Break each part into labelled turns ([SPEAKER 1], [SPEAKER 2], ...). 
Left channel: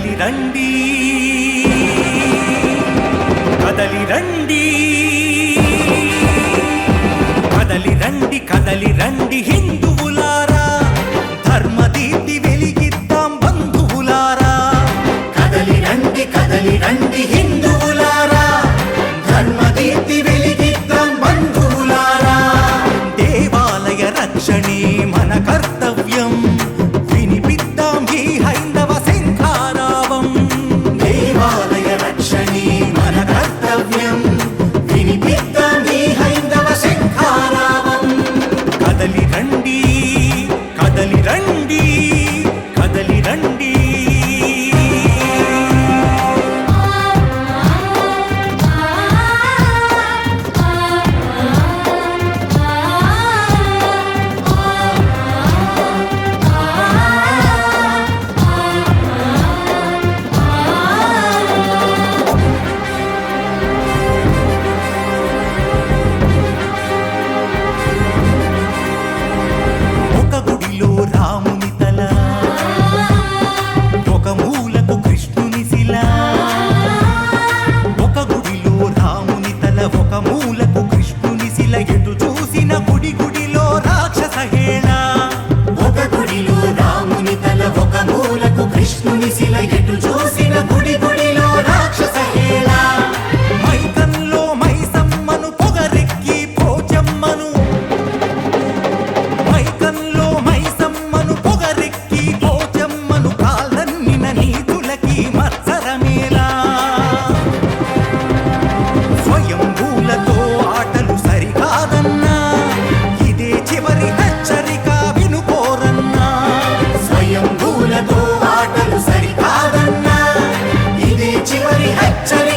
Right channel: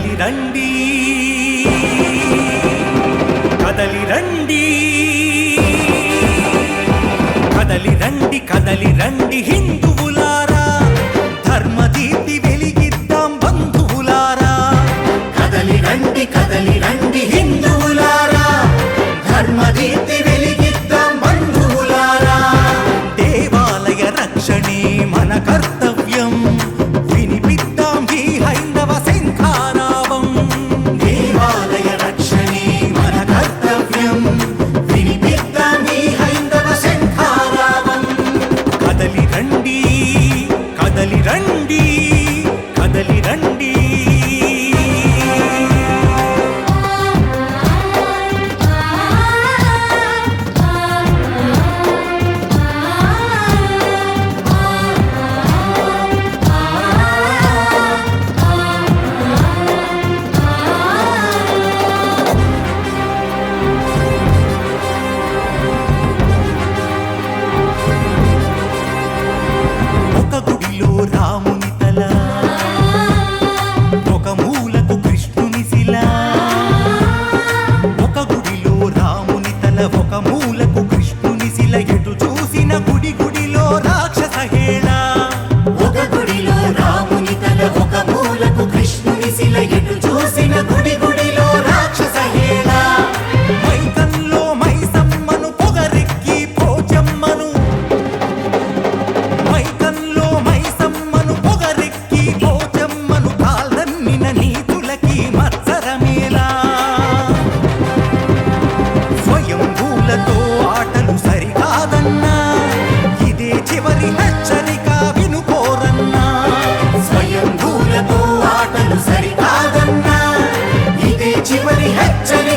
[SPEAKER 1] కదలి రండి. కదలి రండి. కదలి రండి కదలి రండి హిందువులారా. ధర్మదీప్తి వెలిగిద్దాం బంధువులారా. కదలి రండి కదలి రండి హిందువులారా. ధర్మదీప్తి వెలిగిద్దాం బంధువులారా. దేవాలయ రక్షణే మన కర్త రాముని ఒక మూలకు కృష్ణుని శిల ఎటు చూసిన గుడి గుడిలో రాక్షస హేళ. ఒక గుడిలో రాముని తల ఒక మూలకు కృష్ణుని శిల ఎటు చూసిన గుడి ఎవరి హెచ్చరిక వినుకోరన్నా? స్వయంభూలతో ఆటలు సరికాదన్నా? ఇదే చివరి హెచ్చరిక.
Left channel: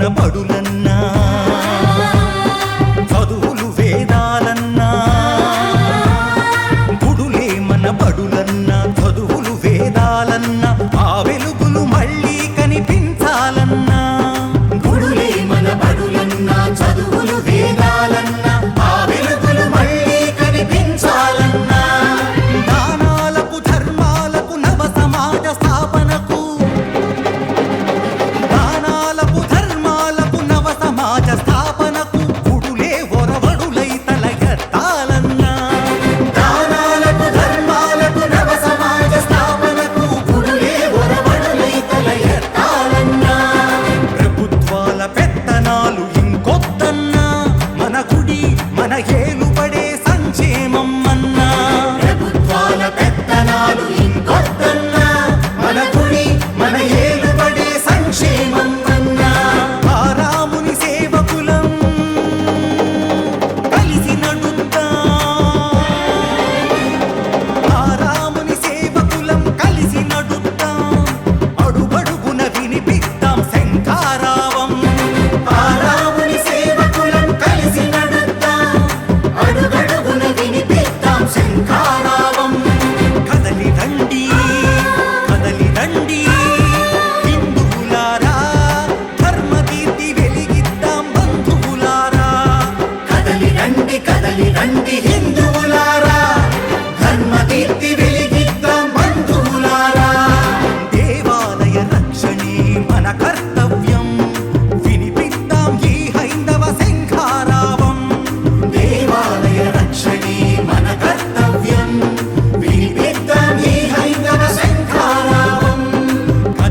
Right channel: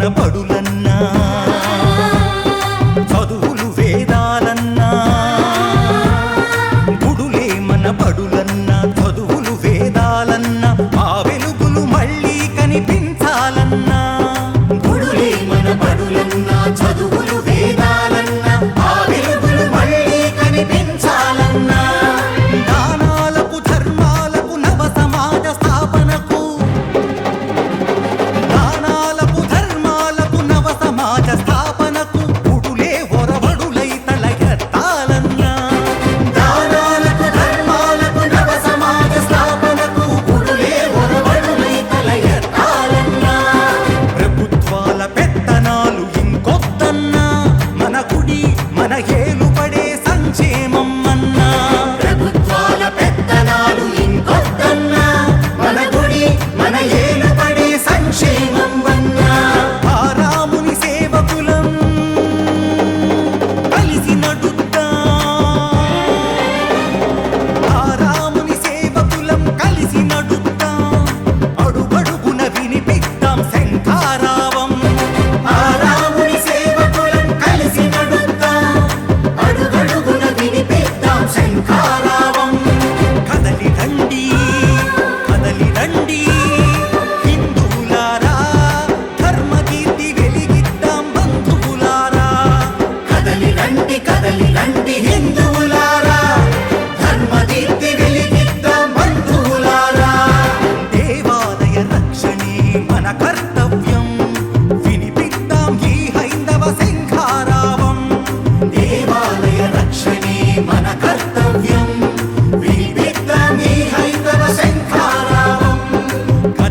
[SPEAKER 1] ఉన్న బడులన్నా చదువులు వేదాలన్నా గుడులే మన బడులన్నా చదువులు వేదాలన్నా సమాజ స్థాపనకు గుడులే ఒరవడులై తలయత్తాలన్నా దానాలకు ధర్మాలకు నవ సమాజ స్థాపనకు పుడులే ఒరవడులై తలయత్తాలన్నా ప్రభుత్వాల పెత్తనాలు ఇంకొద్దన్నా. మన గుడి మన ఏలుబడే సంక్షేమం అన్నా. ప్రభుత్వాల పెత్తనాలు ఇంకొద్దన్నా.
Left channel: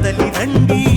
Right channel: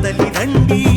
[SPEAKER 1] కదలి రండి